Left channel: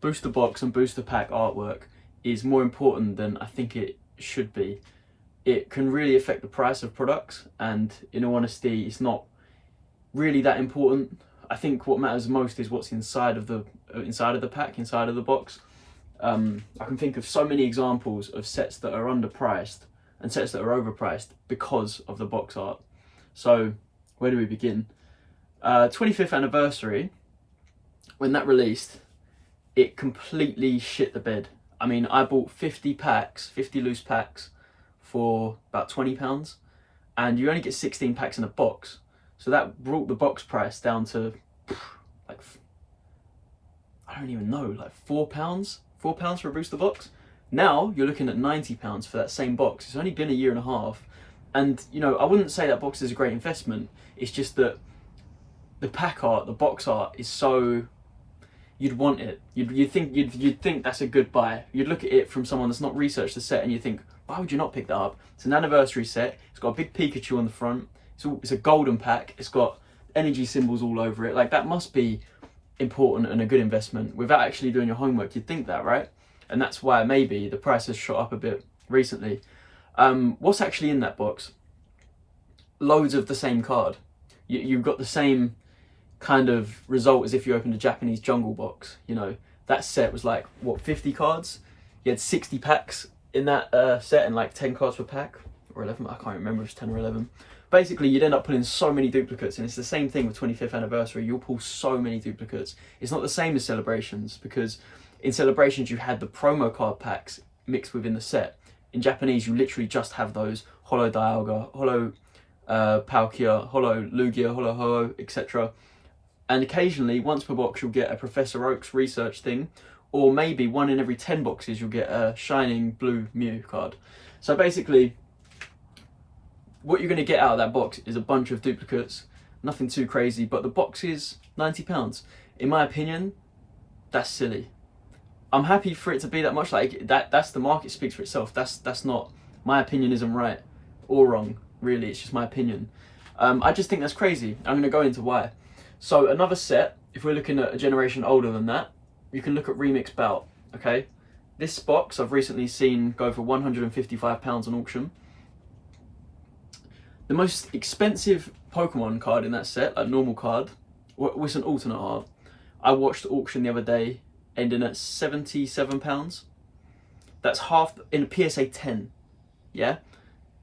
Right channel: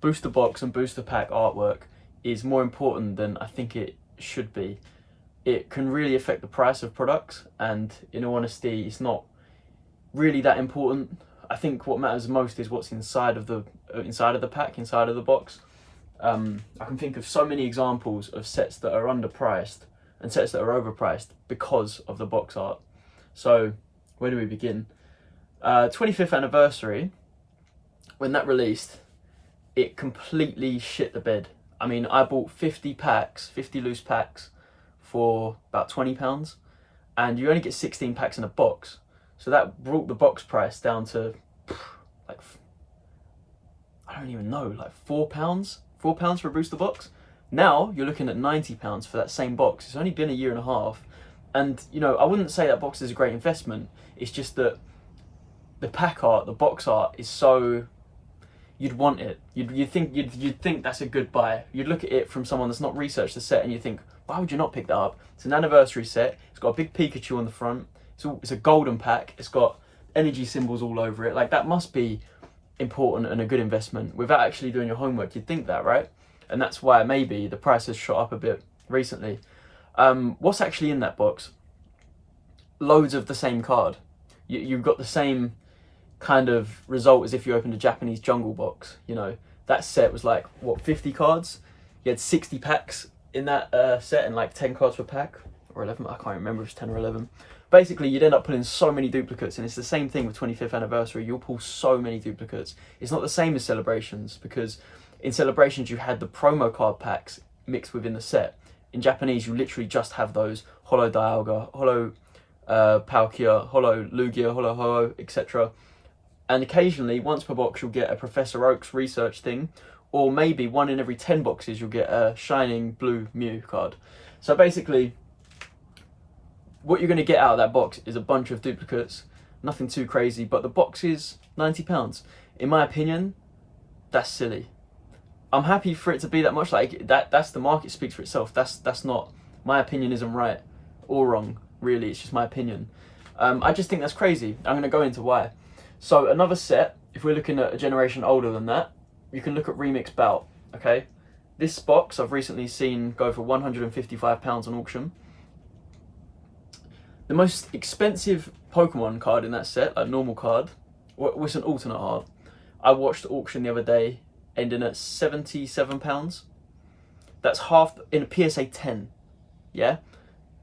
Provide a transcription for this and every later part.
booster box and booster pack artwork is more important than I think it should be. It can really affect the price of products, and in all honesty, it's not really that important. I think what matters most is what's inside of the pack, inside of the box. I can think of so many examples of sets that are underpriced and sets that are overpriced because of the box art. So where do we begin? 25th anniversary, when that released, it completely shit the bed. I mean, I bought 50 loose packs for about £20, and you only get 16 packs in a box. So that brought the box price down to like, I don't even know, like £4 for a booster box. Now you're looking at £90 for that same box. It's only been a year and a half, and you know, I wouldn't say that box is a great investment. It's just that the pack art, the box art is so, you'd want it. You'd think that's a good buy. You'd look at it from someone that's not researched the set and you think, why would you not pick that up? It's an anniversary set. It's got a big Pikachu on the front. It's a golden pack. It's got energy symbols all over it. Like, that must be important and a good investment. Without actually doing your homework, you'd think that, right? And that's why maybe the price has shot up a bit recently. What's actually in that box? Loads of the same card. You've got the same kind of result as if you opened a Japanese jungle box. You know, that set was like, what, 50 cards? You had 60 packs in that set, and like 10 cards per pack, or 11, I can't remember if it's 10 or 11. Basically, you'd end up pulling so many duplicates, and it's the same thing with 25th anniversary. You'll pull so many duplicates. It's not the same as Celebrations, because in Celebrations you had the promo card packs mixed within the set. In Japanese, you literally just have those holo Dialga, holo Palkia, holo Lugia, holo Ho, etc. And occasionally, once per box, you'll get a Professor Oak's research thing, or maybe 1 in every 10 boxes, you'll get a shining blue Mew card. So basically, what you're going to get out of that box is a bunch of duplicates, nothing too crazy, but the box is £90. In my opinion, that's silly. I'm happy for it to be that much. Like, that's the market speaks for itself. That's not, my opinion isn't right or wrong, really. It's just my opinion. I just think that's crazy. I'm going to go into why. So another set, if we're looking at a generation older than that, you can look at Remix Bout, okay? This box I've recently seen go for £155 on auction. The most expensive Pokemon card in that set, like normal card, was an alternate art. I watched the auction the other day, ending at £77. That's half in a PSA 10, yeah?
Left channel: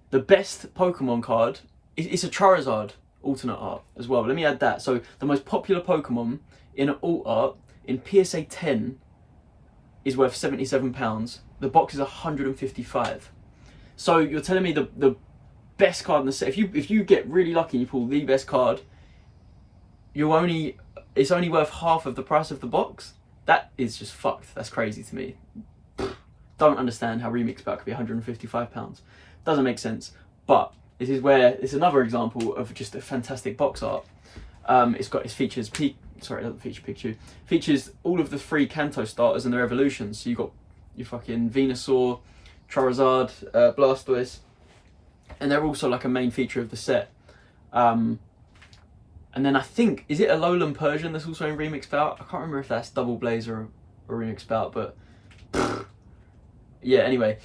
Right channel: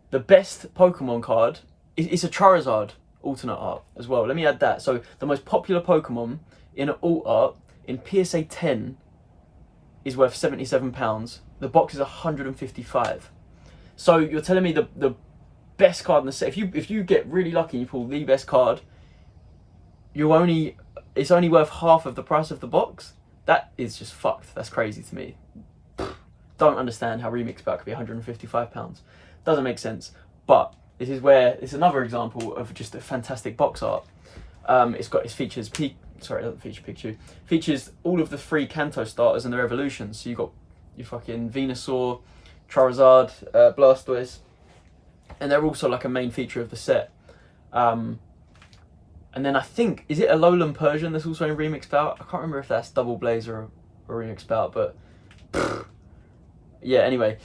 The best Pokemon card, it's a Charizard alternate art as well. Let me add that. So the most popular Pokemon in an alt art in PSA 10 is worth £77. The box is £155. So you're telling me the best card in the set, if you get really lucky and you pull the best card, it's only worth half of the price of the box? That is just fucked. That's crazy to me. Don't understand how Remix Bout could be £155. Doesn't make sense. But this is where it's another example of just a fantastic box art. It features sorry, it doesn't feature Pikachu. Features all of the 3 Kanto starters and their evolutions. So you've got your fucking Venusaur, Charizard, Blastoise, and they're also like a main feature of the set. And then I think, is it Alolan Persian that's also in Remix Bout? I can't remember if that's Double Blaze or Remix Bout, but yeah, anyway.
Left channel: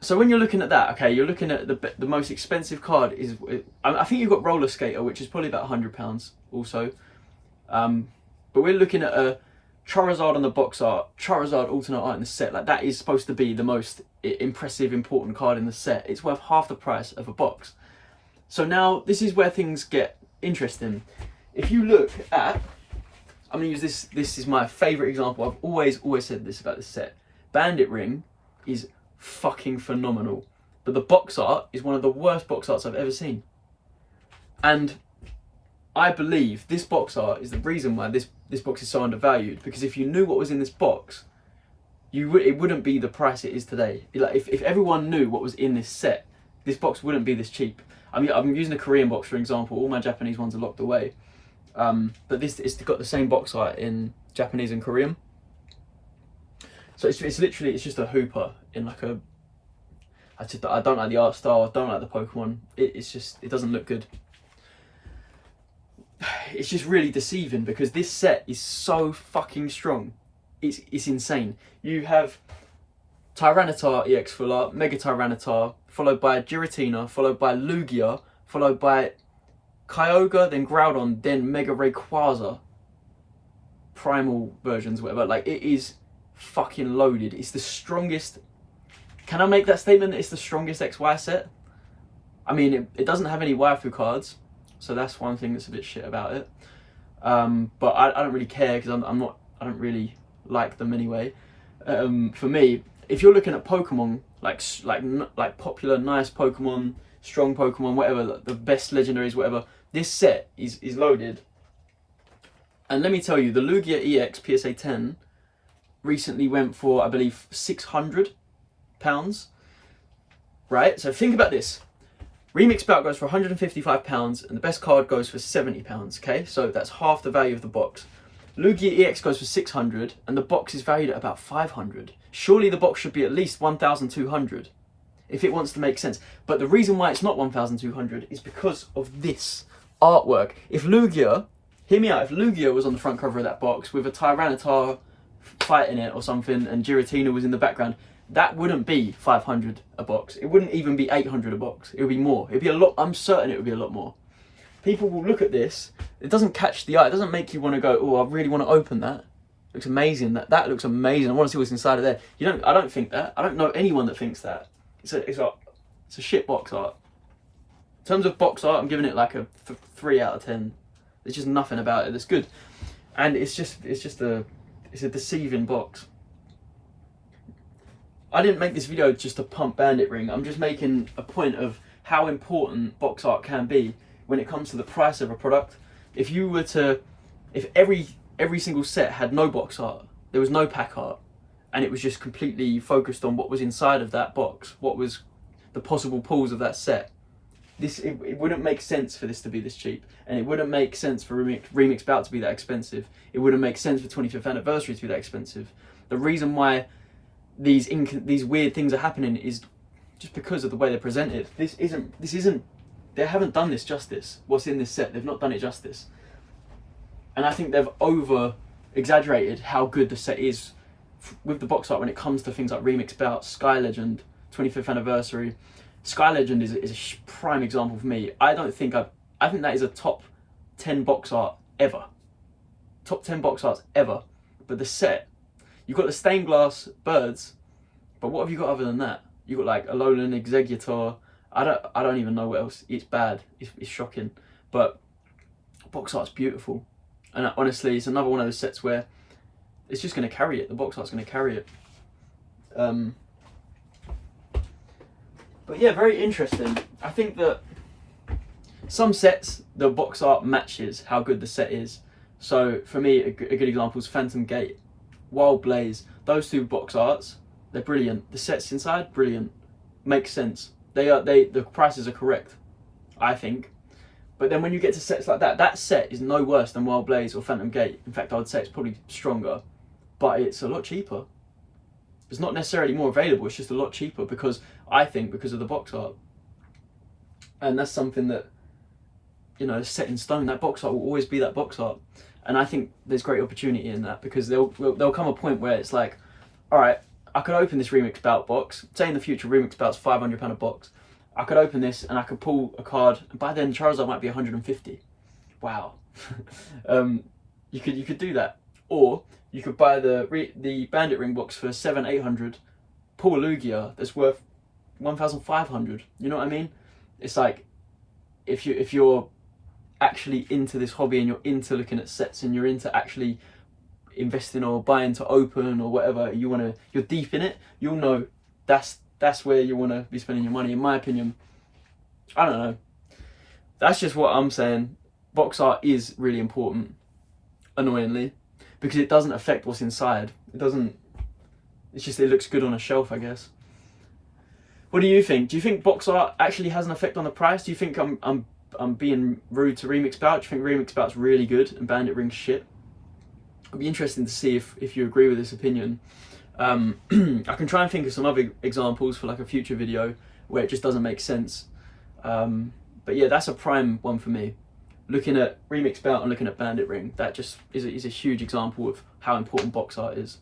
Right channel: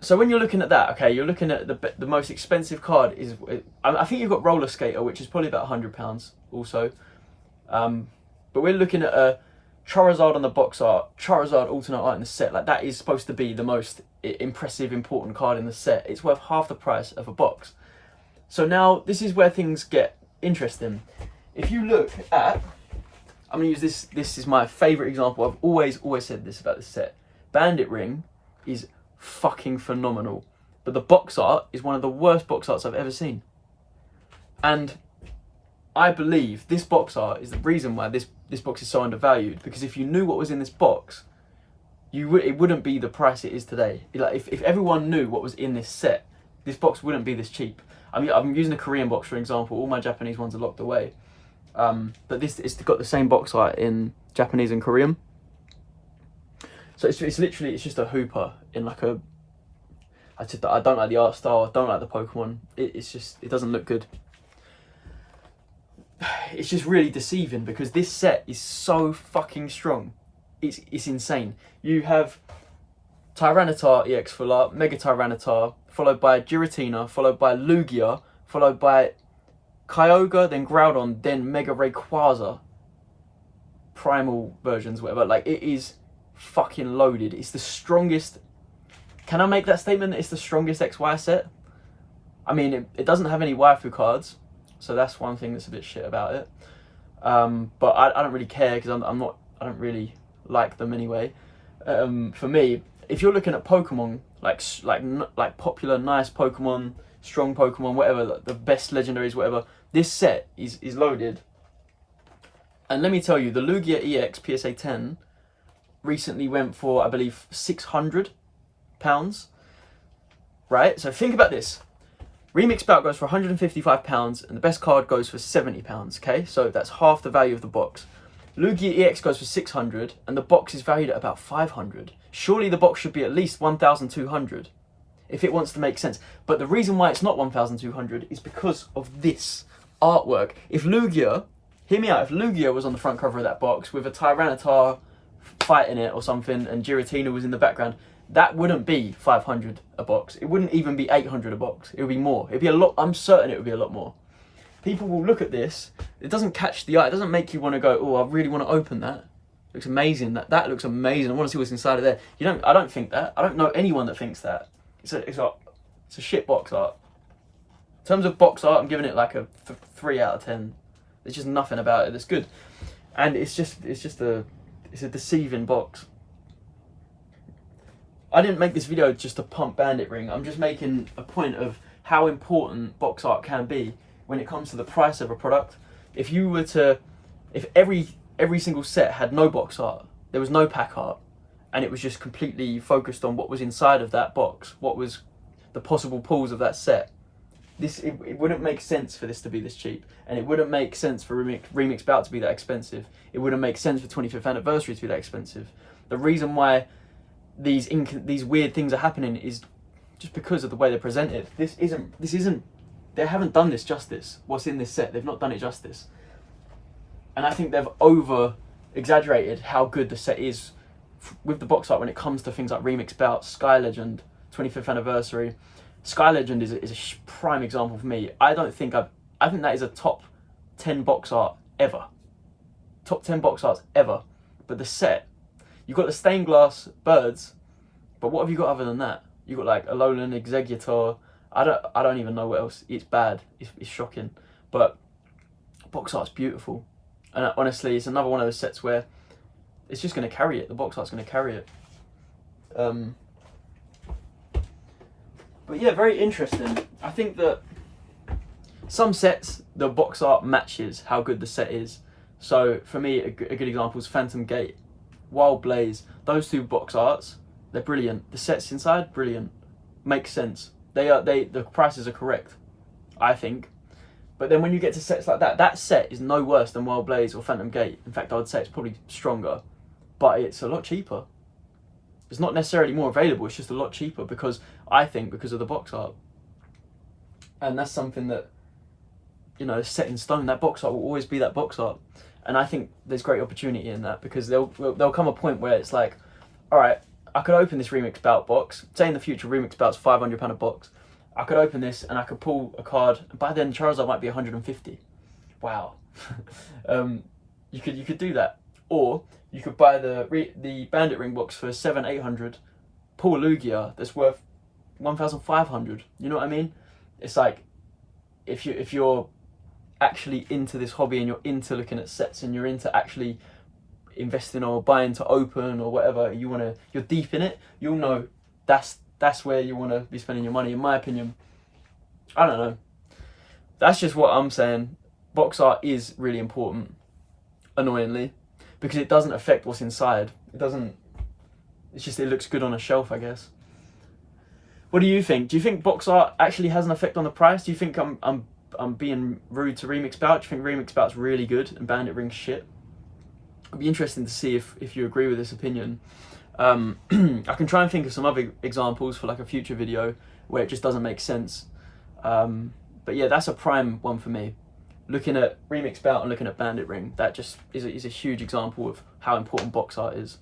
So when you're looking at that, okay, you're looking at the most expensive card is, I think you've got Roller Skater, which is probably about £100 also. But we're looking at a Charizard on the box art, Charizard alternate art in the set. Like, that is supposed to be the most impressive, important card in the set. It's worth half the price of a box. So now this is where things get interesting. If you look at, I'm going to use this is my favourite example. I've always said this about this set. Bandit Ring is fucking phenomenal, but the box art is one of the worst box arts I've ever seen. And I believe this box art is the reason why this box is so undervalued, because if you knew what was in this box, it wouldn't be the price it is today. Like, if everyone knew what was in this set, this box wouldn't be this cheap. I mean, I'm using a Korean box for example. All my Japanese ones are locked away, but it's got the same box art in Japanese and Korean. So it's literally, it's just a hooper in like a, I don't like the art style, I don't like the Pokemon. It doesn't look good. It's just really deceiving because this set is so fucking strong. it's insane. You have Tyranitar EX full art, Mega Tyranitar, followed by Giratina, followed by Lugia, followed by Kyogre, then Groudon, then Mega Rayquaza. Primal versions, whatever. Like, it is fucking loaded. It's the strongest. Can I make that statement that it's the strongest XY set? I mean, it doesn't have any waifu cards, so that's one thing that's a bit shit about it. But I don't really care because I don't really like them anyway. For me, if you're looking at Pokemon, like popular, nice Pokemon, strong Pokemon, whatever, like the best legendaries, whatever, this set is loaded. And let me tell you, the Lugia EX PSA 10 recently went for, I believe, £600. Right? So think about this. Remix Bout goes for £155 and the best card goes for £70, okay? So that's half the value of the box. Lugia EX goes for £600 and the box is valued at about £500. Surely the box should be at least £1,200 if it wants to make sense. But the reason why it's not £1,200 is because of this artwork. If Lugia, hear me out, if Lugia was on the front cover of that box with a Tyranitar fighting it or something and Giratina was in the background, that wouldn't be 500 a box. It wouldn't even be 800 a box. It would be more. It'd be a lot. I'm certain it would be a lot more. People will look at this. It doesn't catch the eye. It doesn't make you want to go, oh, I really want to open that. It looks amazing. That looks amazing. I want to see what's inside of there. I don't think that. I don't know anyone that thinks that. It's a shit box art. In terms of box art, I'm giving it like a 3 out of 10. There's just nothing about it that's good. And it's a deceiving box. I didn't make this video just to pump Bandit Ring. I'm just making a point of how important box art can be when it comes to the price of a product. If every single set had no box art, there was no pack art, and it was just completely focused on what was inside of that box, what was the possible pulls of that set, it wouldn't make sense for this to be this cheap, and it wouldn't make sense for Remix Bout to be that expensive. It wouldn't make sense for 25th anniversary to be that expensive. The reason why these weird things are happening is just because of the way they're presented. This isn't. They haven't done this justice. What's in this set? They've not done it justice, and I think they've over exaggerated how good the set is with the box art when it comes to things like Remix Bout, Sky Legend, 25th anniversary. Sky Legend is a prime example for me. I think that is a top 10 box art ever. Top 10 box arts ever. But the set, you've got the stained glass birds, but what have you got other than that? You've got like Alola and Exeggutor. I don't even know what else. It's bad. It's shocking. But box art's beautiful. And honestly, it's another one of those sets where it's just going to carry it. The box art's going to carry it. But yeah, very interesting. I think that some sets, the box art matches how good the set is. So for me, a good example is Phantom Gate, Wild Blaze. Those two box arts, they're brilliant. The sets inside, brilliant. Makes sense. The prices are correct, I think. But then when you get to sets like that, that set is no worse than Wild Blaze or Phantom Gate. In fact, I would say it's probably stronger, but it's a lot cheaper. It's not necessarily more available, it's just a lot cheaper because of the box art. And that's something that, is set in stone. That box art will always be that box art. And I think there's great opportunity in that because there'll come a point where it's like, all right, I could open this Remix Bout box. Say in the future, Remix Bout's £500 a box. I could open this and I could pull a card. By then, Charizard might be 150. Wow. You could do that. Or you could buy the Bandit Ring box for 700-800, pull a Lugia that's worth 1,500. You know what I mean? It's like if you're actually into this hobby and you're into looking at sets and you're into actually investing or buying to open or whatever, you're deep in it, you'll know that's where you want to be spending your money, in my opinion. I don't know. That's just what I'm saying. Box art is really important, annoyingly, because it doesn't affect what's inside. It looks good on a shelf, I guess. What do you think? Do you think box art actually has an effect on the price? Do you think I'm being rude to Remix Bout? Do you think Remix Bout's really good and Bandit Ring's shit? It'd be interesting to see if you agree with this opinion. I can try and think of some other examples for like a future video where it just doesn't make sense. But yeah, that's a prime one for me. Looking at Remix Bout and looking at Bandit Ring, that just is a huge example of how important box art is.